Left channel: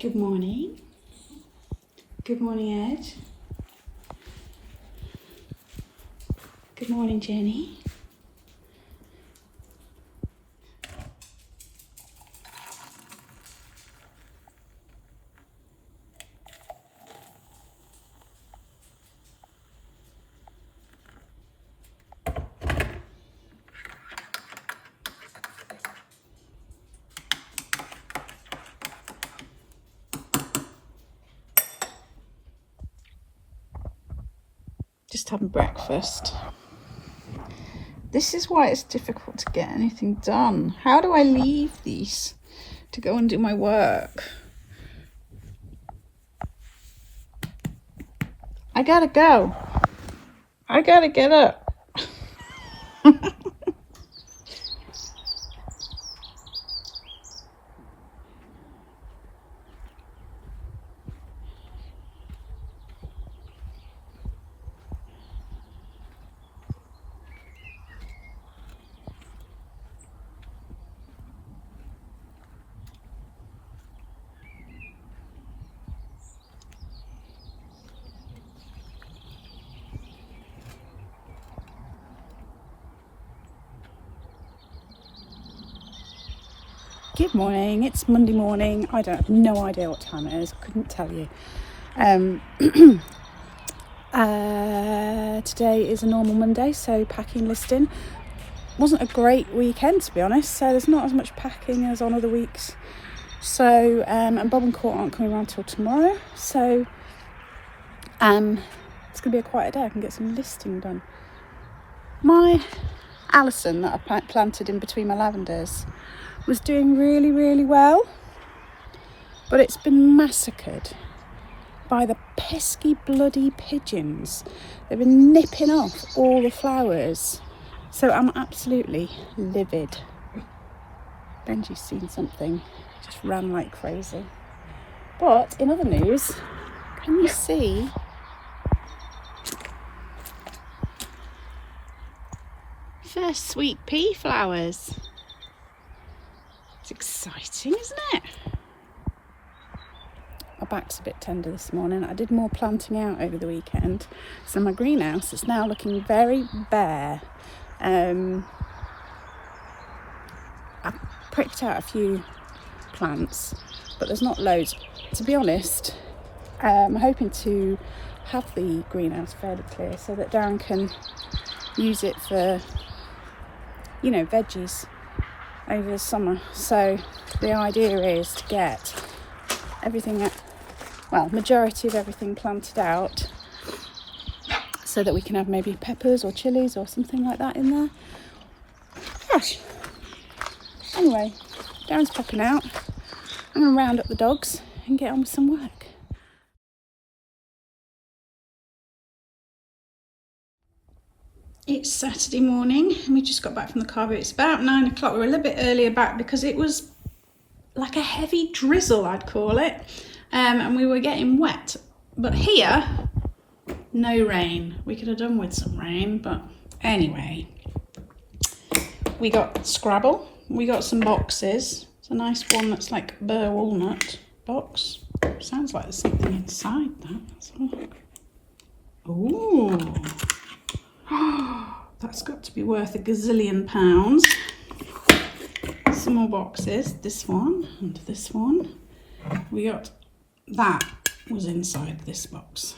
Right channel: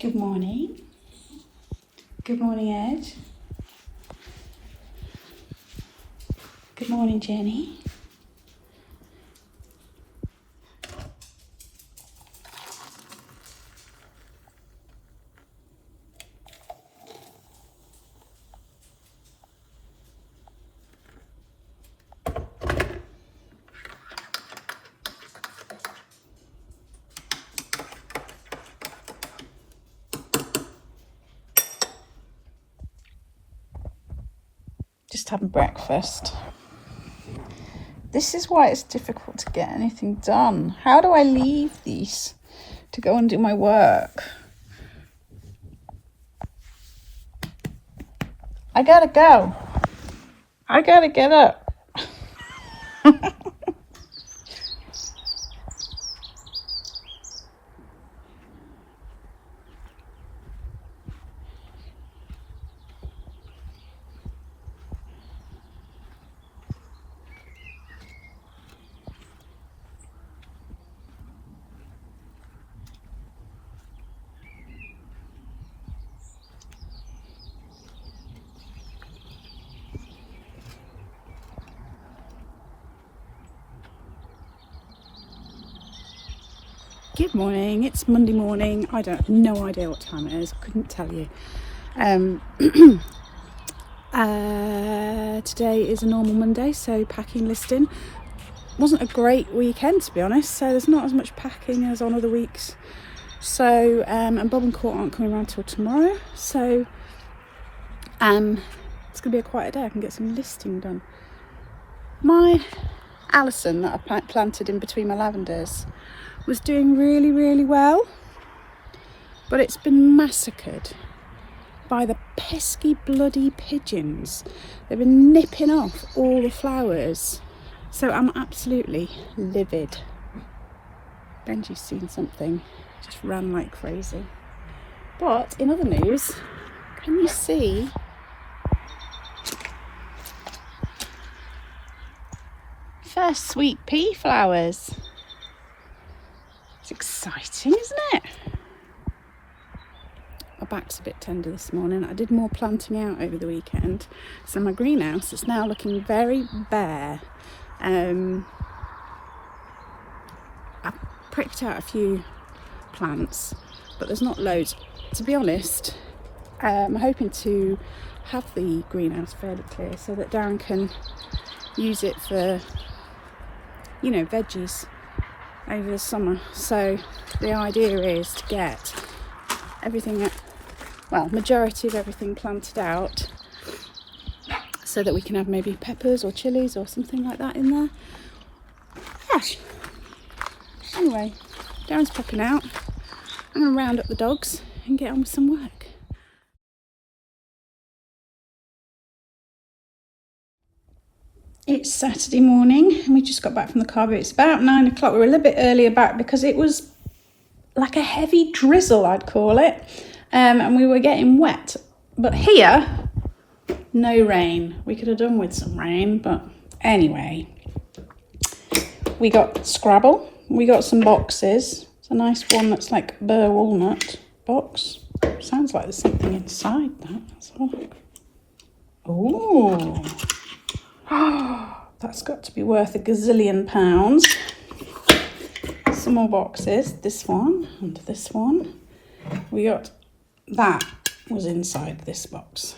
Good morning. Good morning, Ed. Good morning, Jenny. Just having breakfast. This is why it's difficult to get anything done. How do I leave these to go and do my work? I gotta go. I gotta get up. Good morning, it's Monday morning. I don't have no idea what time it is, I couldn't tell you. Today is a normal Monday, so packing listing. Wasn't a great weekend to be honest, so there's not as much packing as on other weeks. So, and Bob and Court aren't coming around till tomorrow, so it's going to be a quiet day. I can get some listing done. My Alison that I planted in between my lavenders was doing really well, but it's been massacred by the pesky bloody pigeons. They've been nipping off all the flowers, so I'm absolutely livid. Benji's seen something, just ran like crazy. But in other news, can you see first sweet pea flowers? It's exciting, isn't it? My back's a bit tender this morning. I did more planting out over the weekend, so my greenhouse is now looking very bare. I've pricked out a few plants, but there's not loads. To be honest, I'm hoping to have the greenhouse fairly clear so that Darren can use it for, you know, veggies over the summer. So the idea is to get everything, well, majority of everything planted out so that we can have maybe peppers or chilies or something like that in there. Gosh. Anyway, Darren's popping out. I'm going to round up the dogs and get on with some work. It's Saturday morning and we just got back from the car, but it's about 9 o'clock. We were a little bit earlier back because it was like a heavy drizzle, I'd call it, and we were getting wet. But here, no rain. We could have done with some rain, but anyway, we got Scrabble. We got some boxes. It's a nice one that's like burr walnut box. Sounds like there's something inside that. Let's have a look. Ooh. That's got to be worth a gazillion pounds. Some more boxes. This one and this one. We got that was inside this box.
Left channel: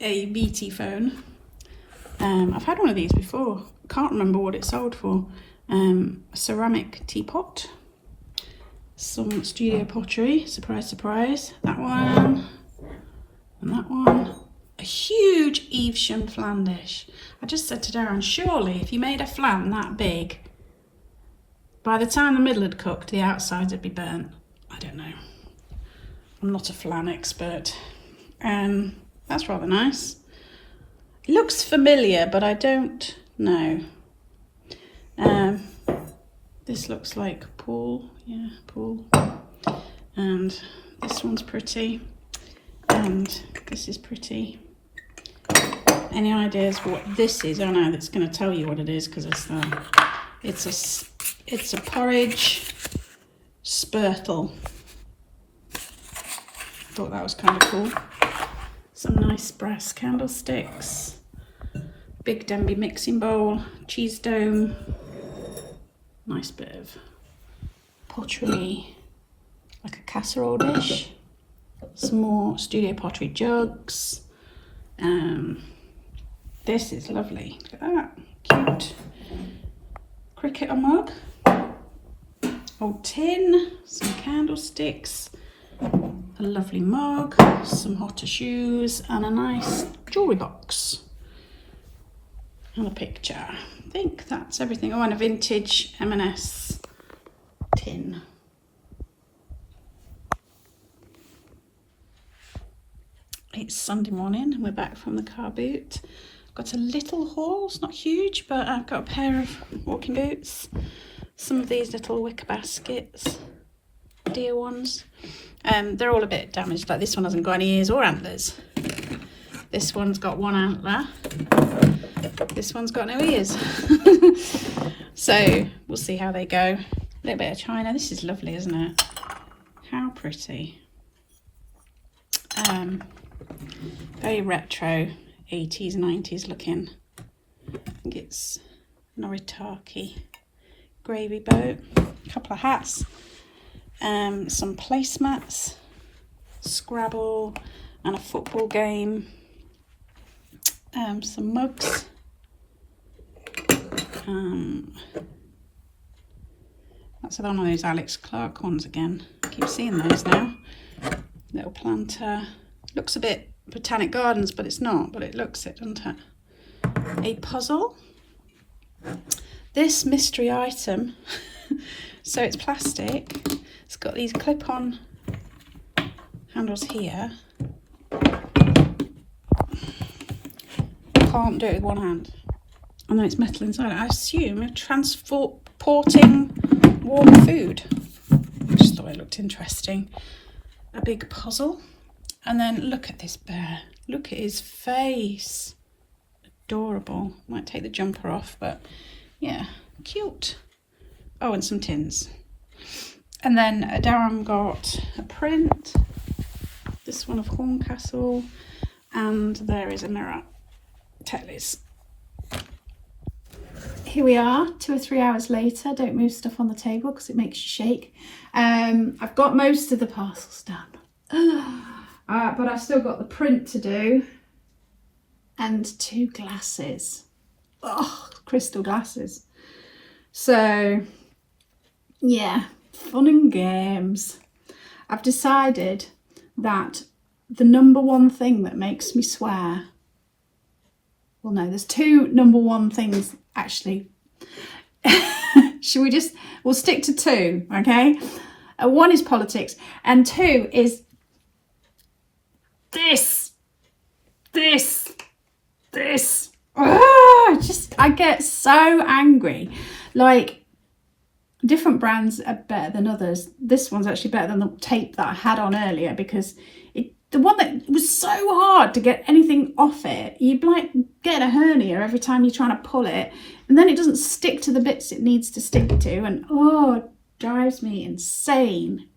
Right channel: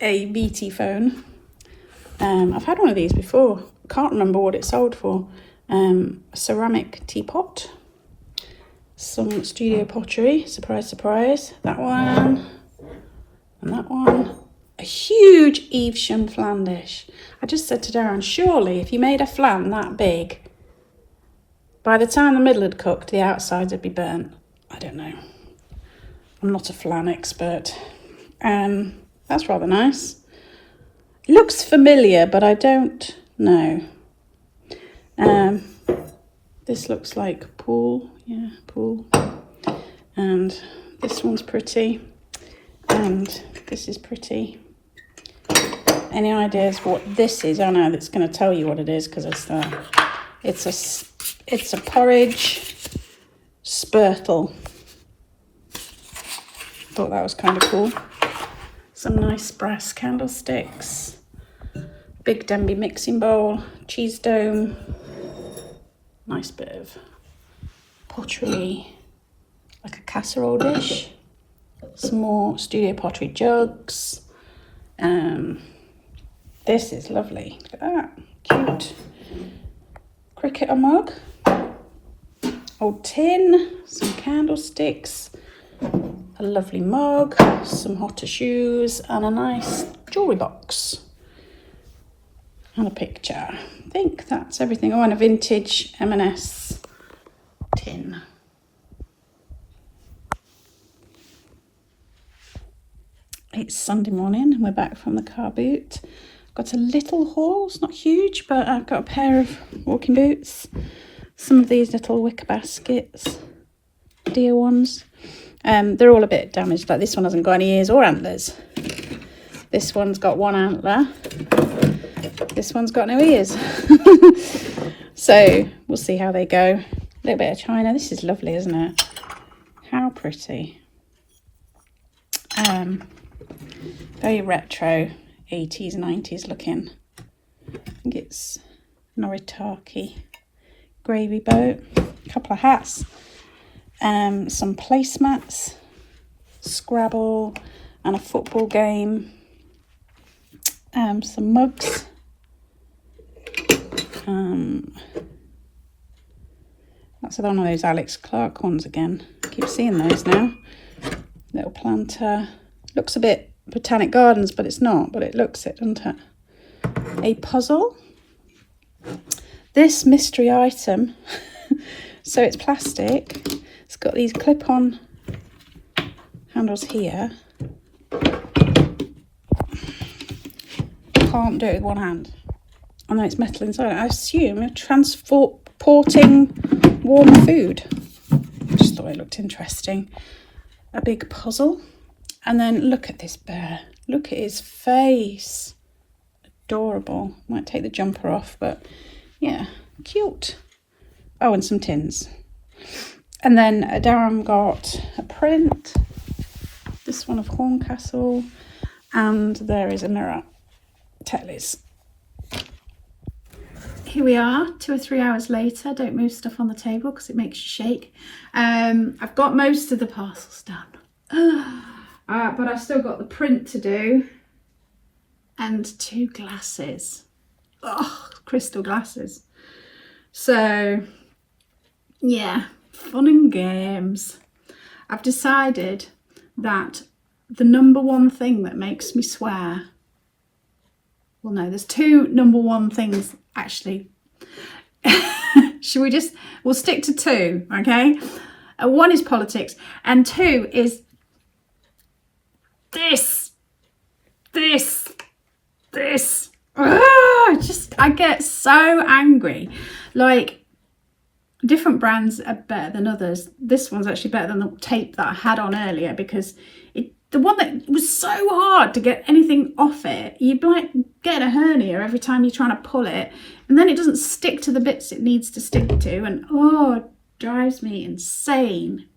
A BT phone. I've had one of these before. Can't remember what it sold for. A ceramic teapot. Some studio pottery. Surprise, surprise. That one. And that one. A huge Evesham flan dish. I just said to Darren, surely if you made a flan that big, by the time the middle had cooked, the outsides would be burnt. I don't know. I'm not a flan expert. That's rather nice. It looks familiar, but I don't know. This looks like pool. Yeah, pool. And this one's pretty. And this is pretty. Any ideas what this is? I know that's going to tell you what it is because it's a porridge spurtle. thought that was kind of cool. Some nice brass candlesticks, big Denby mixing bowl, cheese dome, nice bit of pottery, like a casserole dish, some more studio pottery jugs. This is lovely, look at that, cute cricketer mug, old tin, some candlesticks, a lovely mug, some hotter shoes, and a nice jewellery box. And a picture. I think that's everything. Oh, and a vintage M&S tin. It's Sunday morning and we're back from the car boot. Got a little haul, it's not huge, but I've got a pair of walking boots, some of these little wicker baskets, deer ones. They're all a bit damaged, like this one hasn't got any ears or antlers. This one's got one antler. This one's got no ears. So we'll see how they go. A little bit of china. This is lovely, isn't it? How pretty. Very retro, 80s, 90s looking. I think it's Noritake gravy boat. A couple of hats. Some placemats, Scrabble, and a football game. Some mugs. That's one of those Alex Clark ones again. I keep seeing those now. Little planter. Looks a bit Botanic Gardens, but it's not. But it looks it, doesn't it? A puzzle. This mystery item. So it's plastic. It's got these clip-on handles here. Can't do it with one hand. And then it's metal inside. I assume transporting warm food. Just thought it looked interesting. A big puzzle. And then look at this bear. Look at his face. Adorable. Might take the jumper off, but yeah, cute. Oh, and some tins. And then Darren got a print. This one of Horncastle. And there is a mirror. Tellies. Here we are, 2 or 3 hours later. Don't move stuff on the table because it makes you shake. I've got most of the parcels done. But I've still got the print to do. And 2 glasses. Oh, crystal glasses. So, yeah, fun and games. I've decided that the number one thing that makes me swear, well, no, there's 2 number one things, actually. We'll stick to 2, okay? 1 is politics, and 2 is this. I get so angry. Like, different brands are better than others. This one's actually better than the tape that I had on earlier, because the one that was so hard to get anything off it, you'd like get a hernia every time you're trying to pull it, and then it doesn't stick to the bits it needs to stick to, and it drives me insane.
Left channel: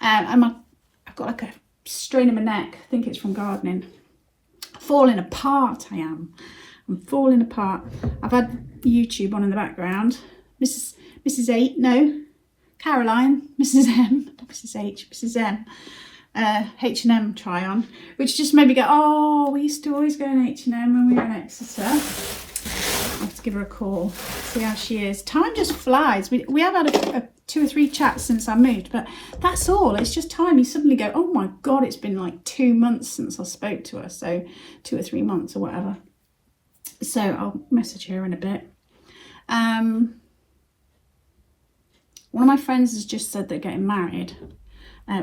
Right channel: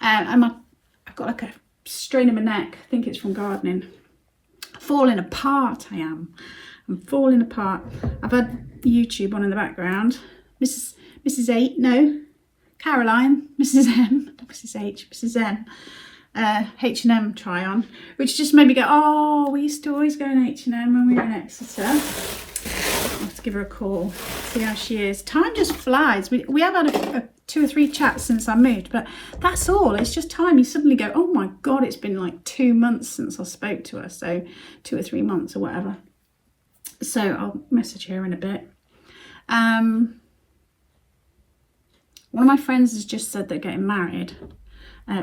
I've got like a strain in my neck. I think it's from gardening. Falling apart, I am. I'm falling apart. I've had YouTube on in the background. Mrs. Caroline, Mrs. M, not Mrs. H, Mrs. M. H&M try on, which just made me go, we used to always go in H&M when we were in Exeter. I'll have to give her a call, see how she is. Time just flies. We have had a 2 or 3 chats since I moved, but that's all. It's just time. You suddenly go, oh my God, it's been like 2 months since I spoke to her. So 2 or 3 months or whatever. So I'll message her in a bit. One of my friends has just said they're getting married.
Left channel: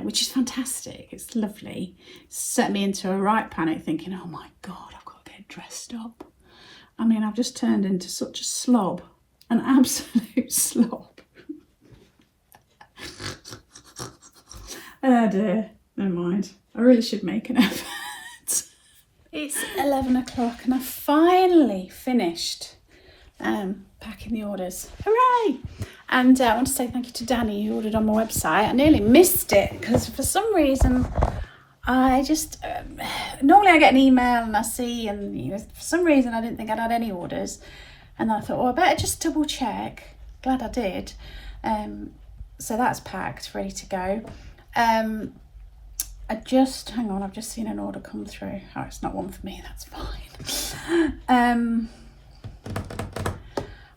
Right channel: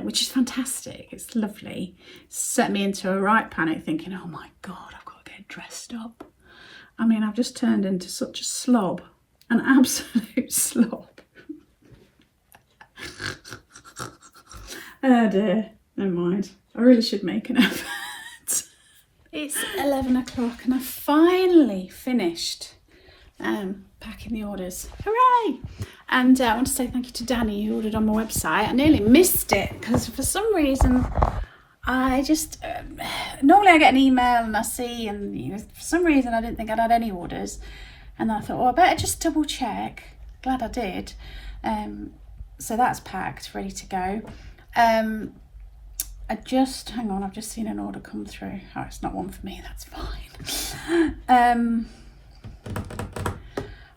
Which is fantastic. It's lovely. Set me into a right panic, thinking, oh my God, I've got to get dressed up. I mean, I've just turned into such a slob, an absolute slob. Oh dear, never mind. I really should make an effort. It's 11 o'clock and I've finally finished packing the orders. Hooray! And I want to say thank you to Danny who ordered on my website. I nearly missed it because for some reason I just, normally I get an email and I see, and you know, for some reason I didn't think I'd had any orders. And then I thought, well, I better just double check. Glad I did. So that's packed, ready to go. Hang on, I've just seen an order come through. Oh, it's not one for me, that's fine.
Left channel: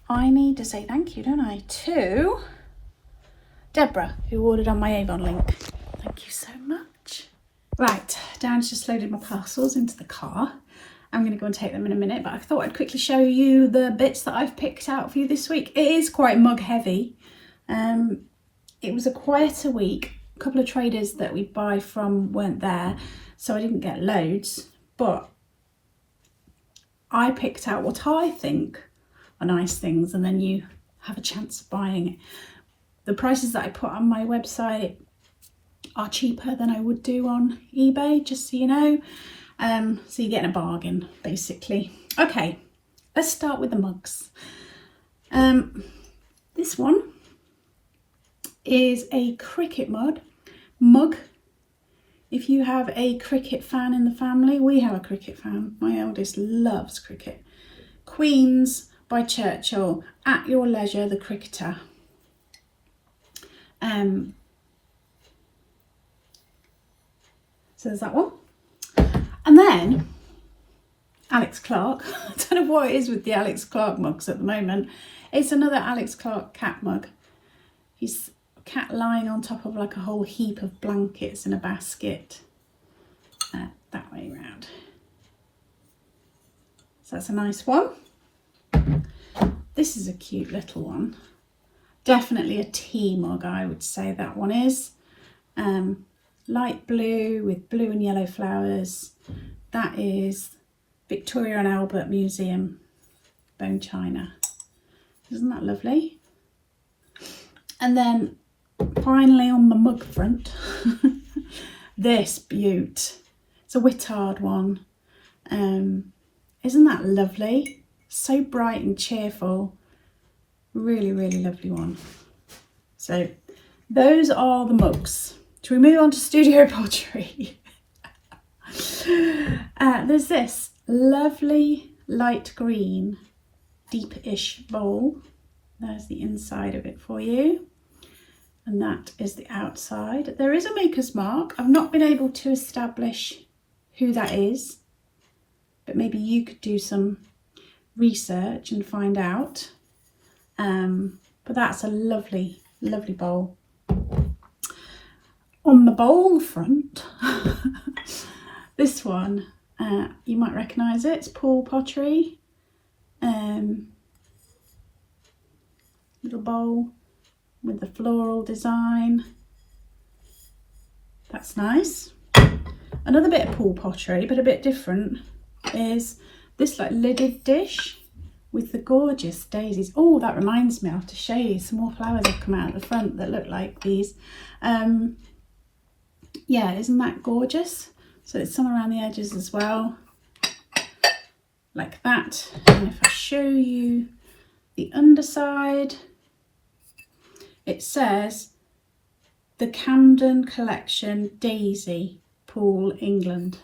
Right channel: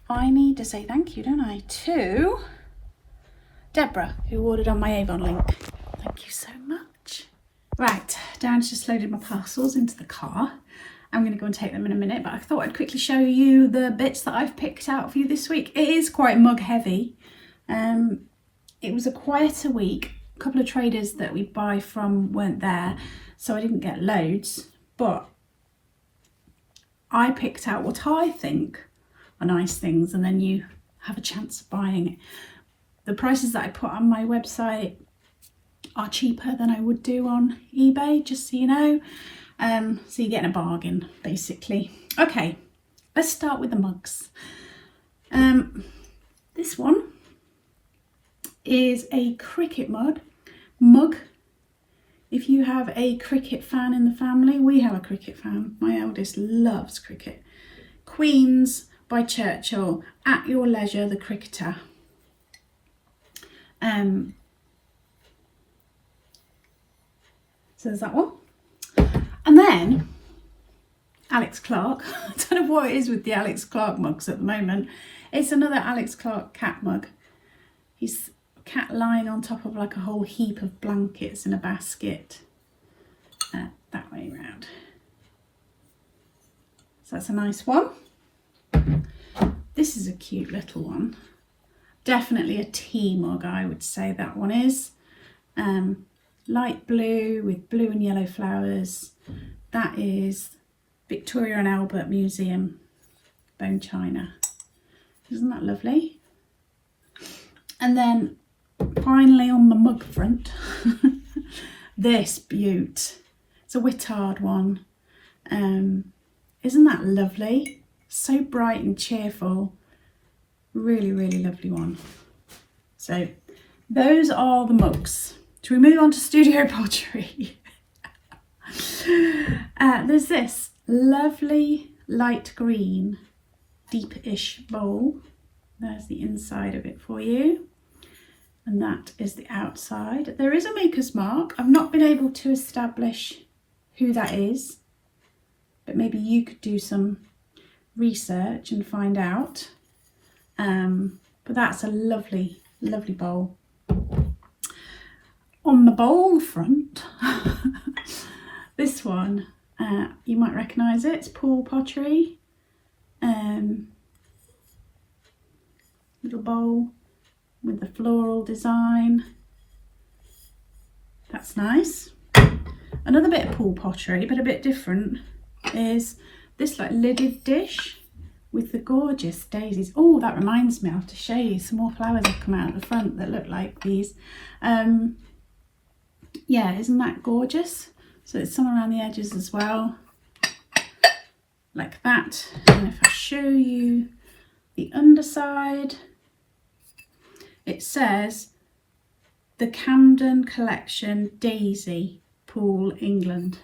I need to say thank you, don't I, to Deborah, who ordered on my Avon link. Thank you so much. Right, Darren's just loaded my parcels into the car. I'm going to go and take them in a minute, but I thought I'd quickly show you the bits that I've picked out for you this week. It is quite mug heavy. It was a quieter week. A couple of traders that we buy from weren't there, so I didn't get loads, but I picked out what I think are nice things, and then you have a chance of buying it. The prices that I put on my website are cheaper than I would do on eBay, just so you know. So you're getting a bargain, basically. Okay, let's start with the mugs. This one is a cricket mug. If you have a cricket fan in the family, we have a cricket fan. My eldest loves cricket. Queen's by Churchill, At Your Leisure, the cricketer. So there's that one. And then Alex Clark. I don't know what it is with the Alex Clark mugs at the moment. It's another Alex Clark cat mug. He's a cat lying on top of like a whole heap of blankets in a basket. That way around. So that's a nice one. This is a cute little one. Definitely a tea mug, I would say that one is. Light blue with blue and yellow flowers. That is Victoria and Albert Museum bone china. Isn't that lovely? And then finally on the mug front, this beaut. It's a Whittard one. Isn't that lovely? So bright and cheerful. Really, really lovely one. So those are the mugs. Shall we move on to studio pottery? There's this lovely light green deep-ish bowl. There's the inside of it for you, and that is the outside. There is a maker's mark. I've not been able to establish who that is, but maybe you could do some research and find out. But that's a lovely, lovely bowl. On the bowl front, this one, you might recognise it. It's Paul Pottery. Little bowl with the floral design. That's nice. Another bit of Paul Pottery, but a bit different, is this like lidded dish with the gorgeous daisies. Oh, that reminds me, I have to show you some more flowers have come out at the front that look like these. Yeah, isn't that gorgeous? So it's some around the edges as well, like that. And if I show you the underside, it says the Camden Collection Daisy, Poole, England.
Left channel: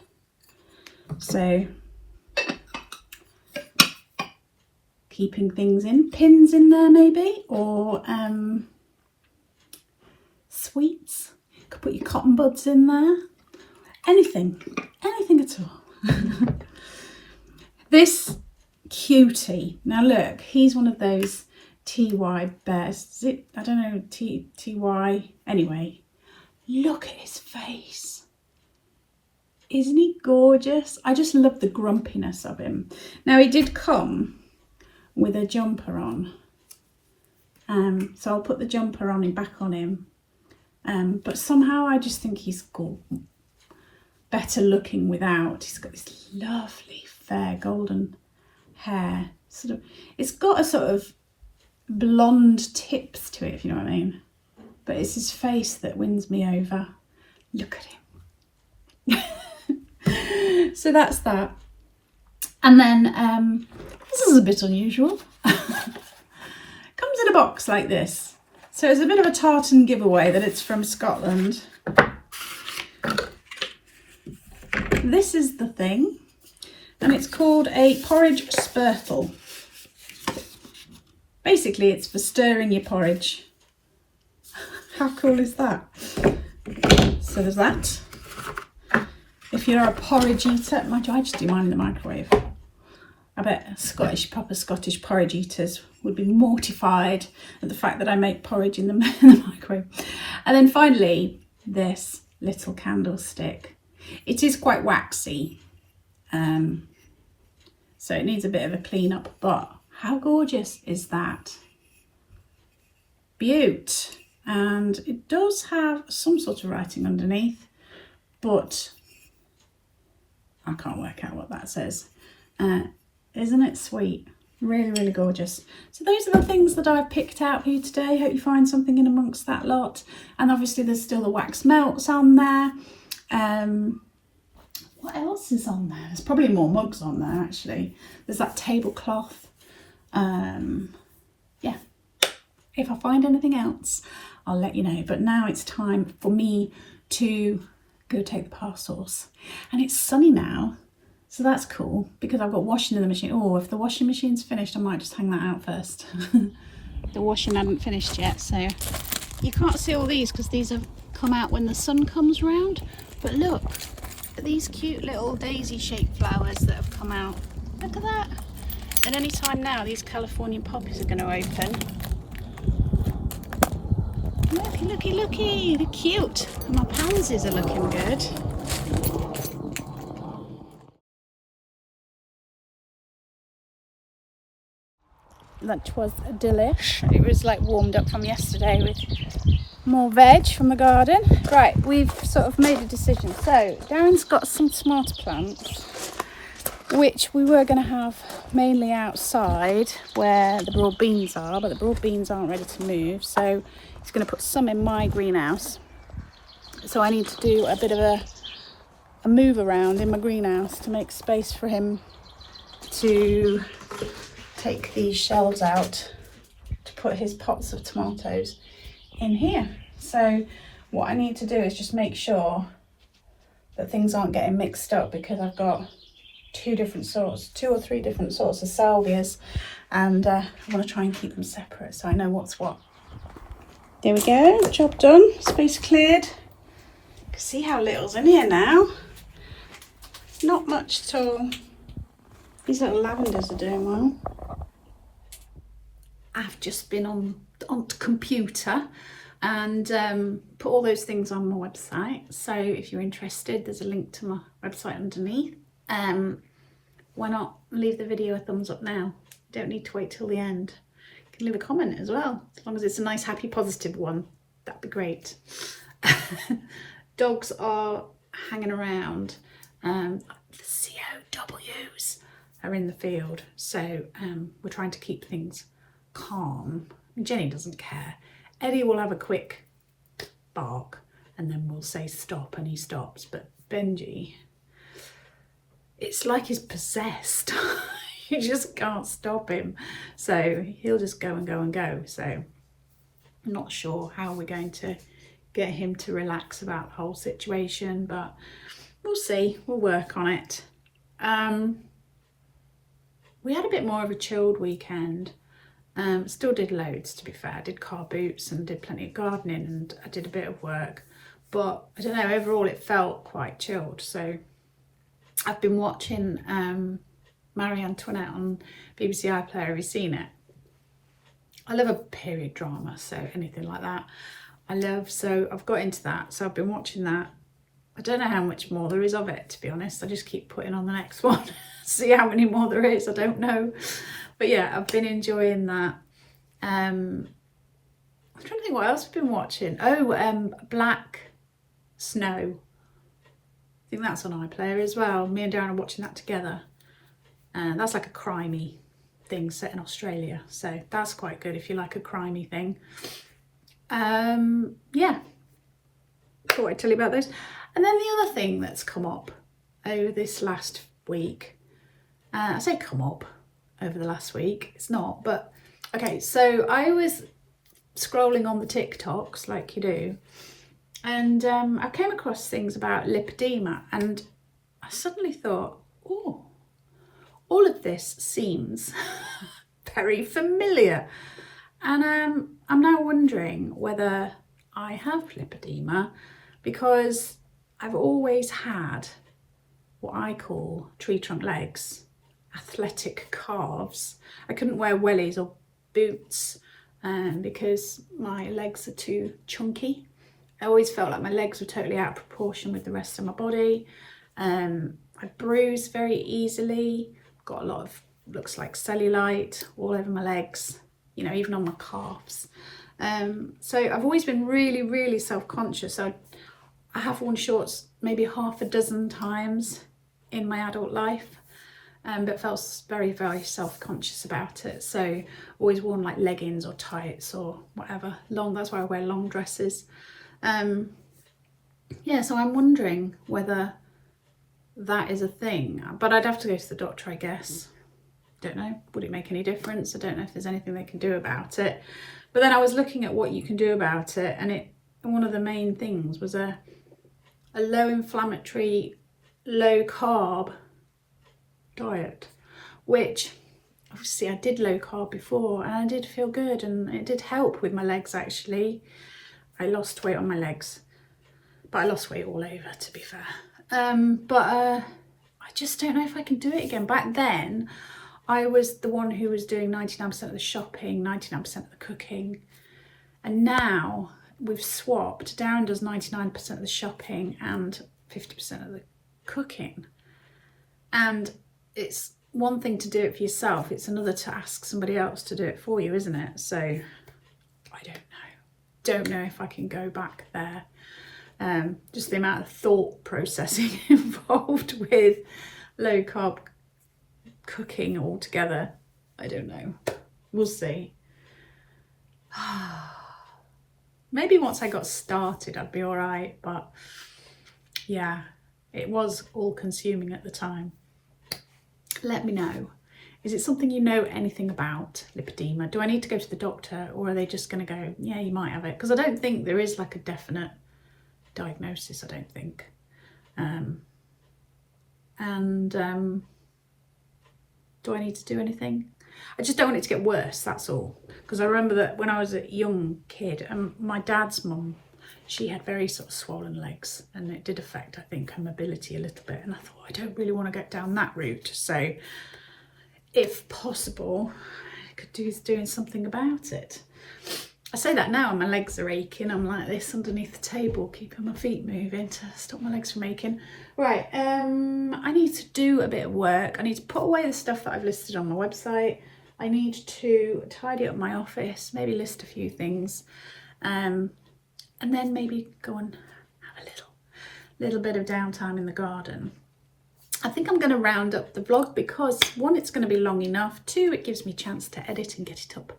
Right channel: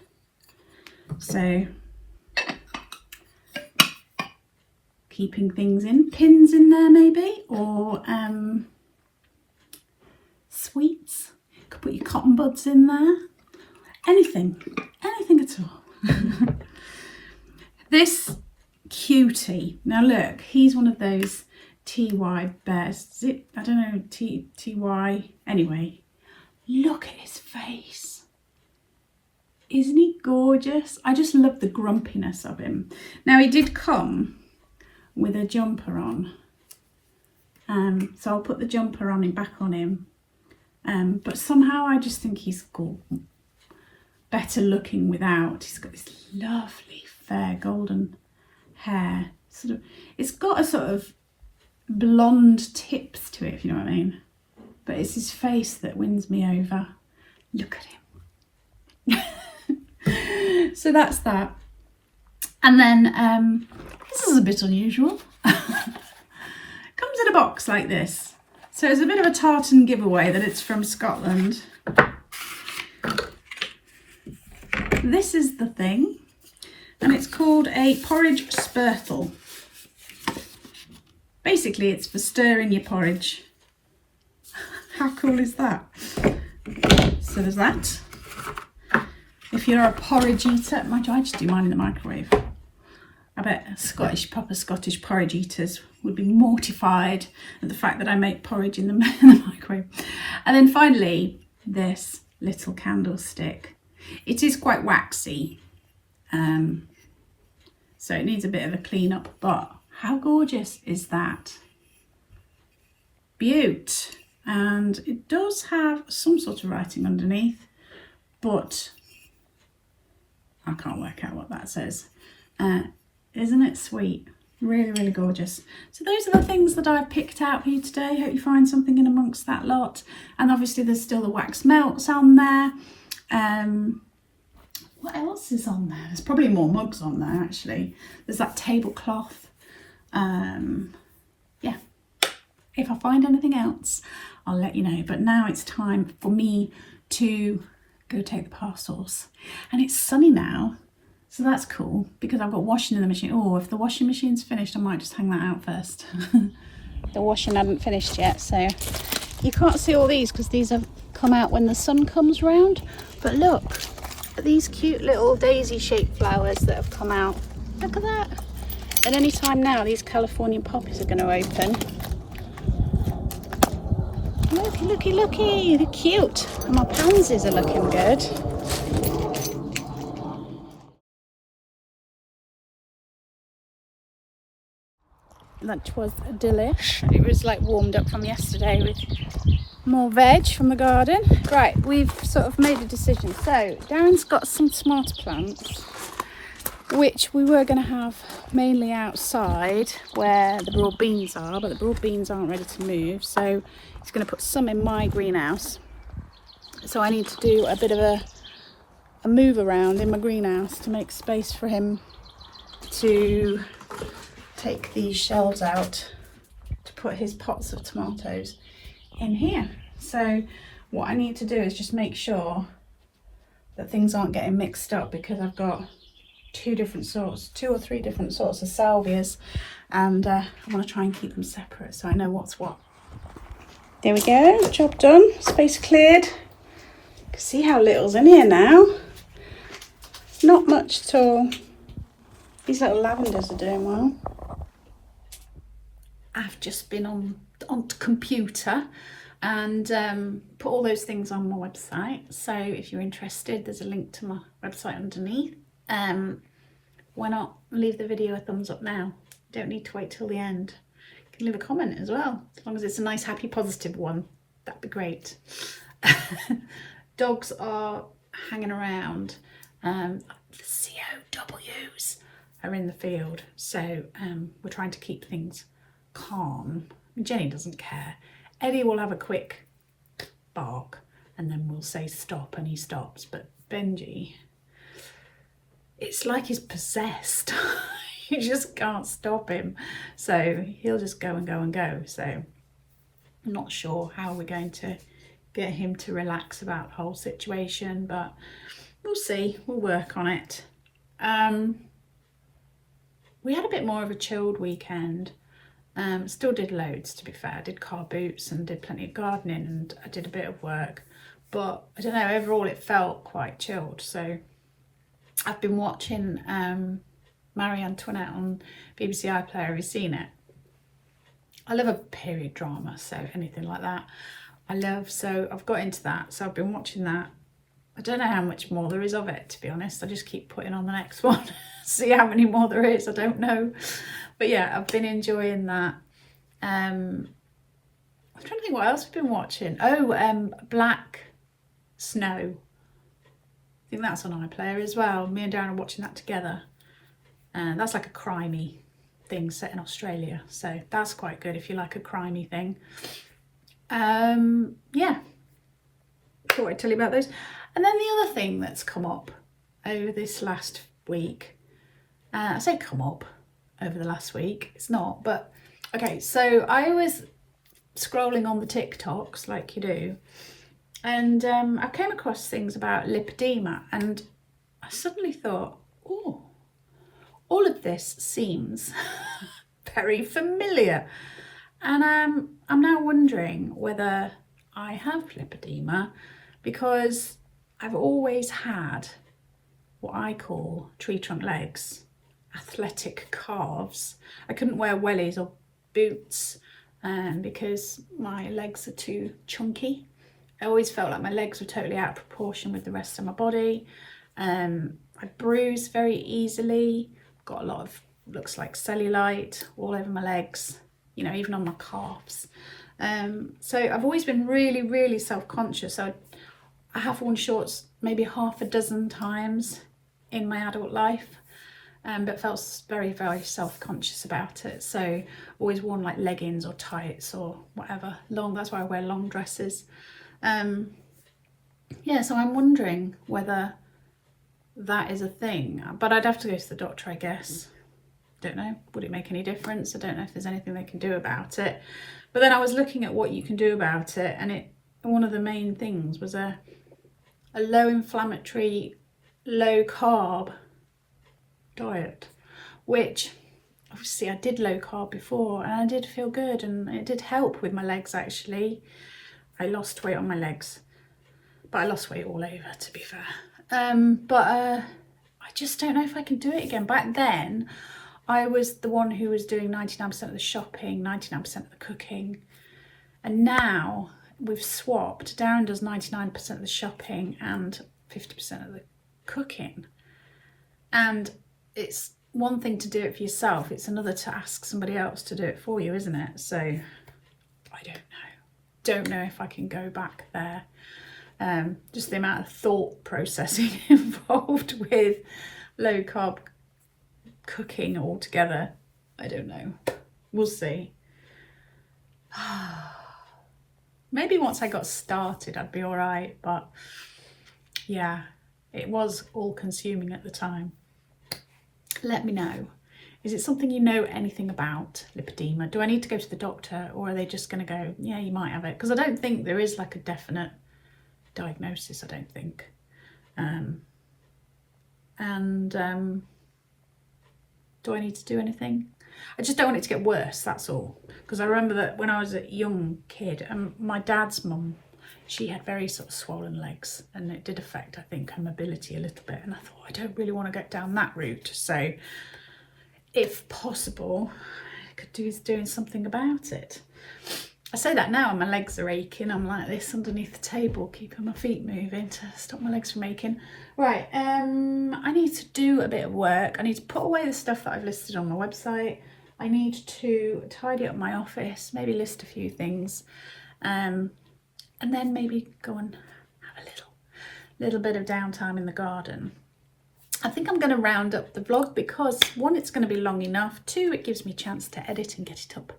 So keeping things in, pins in there maybe, or sweets. You could put your cotton buds in there. Anything at all. This cutie. Now look, he's one of those TY bears. Is it? I don't know, TY. Anyway, look at his face. Isn't he gorgeous? I just love the grumpiness of him. Now he did come with a jumper on. So I'll put the jumper on him, back on him. But somehow I just think he's better looking without. He's got this lovely fair golden hair. It's got a sort of blonde tips to it, if you know what I mean. But it's his face that wins me over. Look at him. So that's that. And then this is a bit unusual. Comes in a box like this. So it's a bit of a tartan giveaway that it's from Scotland. this is the thing, and it's called a porridge spurtle. Basically, it's for stirring your porridge. How cool is that? So there's that. If you're a porridge eater, mind you, I just do mine in the microwave. I bet proper Scottish porridge eaters would be mortified at the fact that I make porridge in the microwave. And then finally, this little candlestick. It is quite waxy, so it needs a bit of a clean up, but how gorgeous is that? Beaut. And it does have some sort of writing underneath, but I can't work out what that says. Isn't it sweet? Really, really gorgeous. So those are the things that I've picked out for you today. Hope you find something in amongst that lot. And obviously there's still the wax melts on there. What else is on there? There's probably more mugs on there actually. There's that tablecloth. Yeah, if I find anything else, I'll let you know. But now it's time for me to go take the parcels. And it's sunny now, so that's cool because I've got washing in the machine. Oh, if the washing machine's finished, I might just hang that out first. The washing hadn't finished yet, so you can't see all these because these have come out when the sun comes round. But look at these cute little daisy shaped flowers that have come out. Look at that. And any time now these California poppies are going to open. Looky, looky, looky, they're cute. And my pansies are looking good. Lunch was a delish. It was like warmed up from yesterday with more veg from the garden. Right, we've sort of made a decision. So Darren's got some tomato plants, which we were going to have mainly outside where the broad beans are, but the broad beans aren't ready to move. So he's going to put some in my greenhouse. So I need to do a bit of a move around in my greenhouse to make space for him to take these shelves out to put his pots of tomatoes in here. So what I need to do is just make sure that things aren't getting mixed up, because I've got two or three different sorts of salvias, and I want to try and keep them separate so I know what's what. There we go, job done, space cleared. You can see how little's in here now. Not much at all. These little lavenders are doing well. I've just been on the computer and put all those things on my website. So if you're interested, there's a link to my website underneath. Why not leave the video a thumbs up now? You don't need to wait till the end. You can leave a comment as well, as long as it's a nice, happy, positive one. That'd be great. Dogs are hanging around. The COWs are in the field, so we're trying to keep things calm. Jenny doesn't care. Eddie will have a quick bark and then we'll say stop and he stops, but Benji, it's like he's possessed. You just can't stop him, so he'll just go and go and go. So I'm not sure how we're going to get him to relax about the whole situation, but we'll see. We'll work on it. We had a bit more of a chilled weekend. Still did loads, to be fair. I did car boots and did plenty of gardening, and I did a bit of work, but I don't know, overall it felt quite chilled. So I've been watching Marie Antoinette on BBC iPlayer. Have you seen it? I love a period drama, so anything like that I love. So I've got into that, so I've been watching that. I don't know how much more there is of it, to be honest. I just keep putting on the next one. See how many more there is, I don't know. But yeah, I've been enjoying that. I'm trying to think what else I've been watching. Oh, Black Snow. I think that's on iPlayer as well. Me and Darren are watching that together. And that's like a crimey thing set in Australia. So that's quite good if you like a crimey thing. Yeah. Thought I'd tell you about those. And then the other thing that's come up over this last week. I say come up over the last week, it's not, but okay, so I was scrolling on the TikToks like you do, and I came across things about lipedema, and I suddenly thought, oh, all of this seems very familiar. And I'm now wondering whether I have lipedema, because I've always had what I call tree trunk legs, athletic calves. I couldn't wear wellies or boots because my legs are too chunky. I always felt like my legs were totally out of proportion with the rest of my body. I bruise very easily, got a lot of, looks like cellulite all over my legs, you know, even on my calves. So I've always been really, really self-conscious. So I have worn shorts maybe half a dozen times in my adult life, but felt very, very self-conscious about it. So always worn like leggings or tights or whatever, long, that's why I wear long dresses. Yeah, so I'm wondering whether that is a thing, but I'd have to go to the doctor, I guess. Don't know, would it make any difference? I don't know if there's anything they can do about it. But then I was looking at what you can do about it, and one of the main things was a low inflammatory, low carb diet, which obviously I did low carb before and I did feel good, and it did help with my legs actually. I lost weight on my legs, but I lost weight all over, to be fair. I just don't know if I can do it again. Back then I was the one who was doing 99% of the shopping, 99% of the cooking, and now we've swapped. Darren does 99% of the shopping and 50% of the cooking. And it's one thing to do it for yourself, it's another to ask somebody else to do it for you, isn't it? So I don't know if I can go back there. Just the amount of thought processing involved with low carb cooking altogether, I don't know. We'll see. Maybe once I got started I'd be all right, but yeah, it was all consuming at the time. Let me know. Is it something you know anything about, lipedema? Do I need to go to the doctor, or are they just going to go, yeah, you might have it? Because I don't think there is like a definite diagnosis, I don't think. Do I need to do anything? I just don't want it to get worse, that's all. Because I remember that when I was a young kid, my dad's mum, she had very sort of swollen legs, and it did affect, I think, her mobility a little bit. And I thought, I don't really want to get down that route. So if possible, I could do doing something about it. I say that now and my legs are aching. I'm like this underneath the table, keeping my feet moving to stop my legs from aching. Right, I need to do a bit of work. I need to put away the stuff that I've listed on my website. I need to tidy up my office, maybe list a few things, and then maybe go and have a little bit of downtime in the garden. I think I'm going to round up the vlog because, one, it's going to be long enough. Two, it gives me a chance to edit and get it up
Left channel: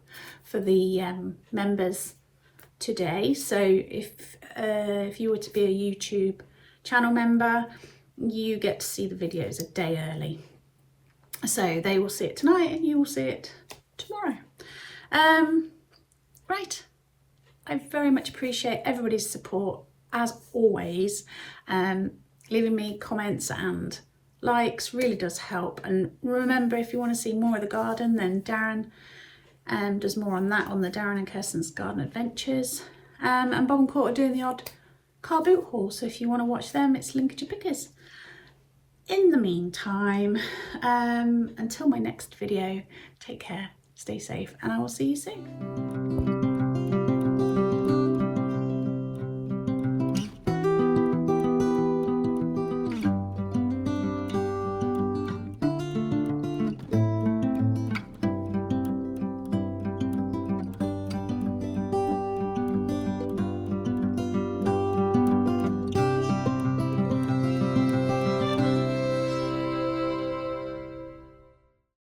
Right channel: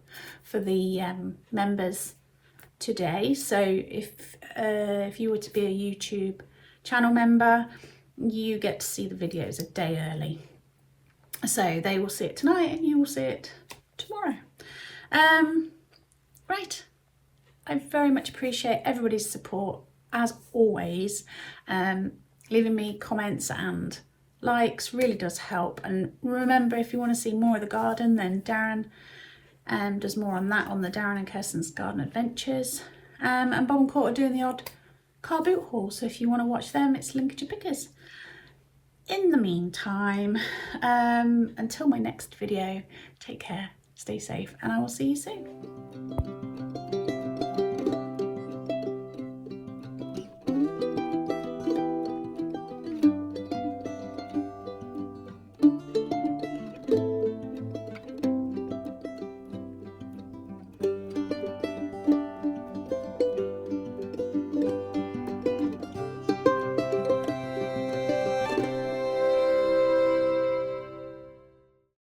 for the members today. So if you were to be a YouTube channel member, you get to see the videos a day early. So they will see it tonight and you will see it tomorrow. Right. I very much appreciate everybody's support, as always. Leaving me comments and likes really does help. And remember, if you want to see more of the garden, then Darren does more on that on the Darren and Kirsten's Garden Adventures. And Bob and Court are doing the odd car boot haul, so if you want to watch them, it's Lincolnshire Pickers. In the meantime, until my next video, take care, stay safe, and I will see you soon.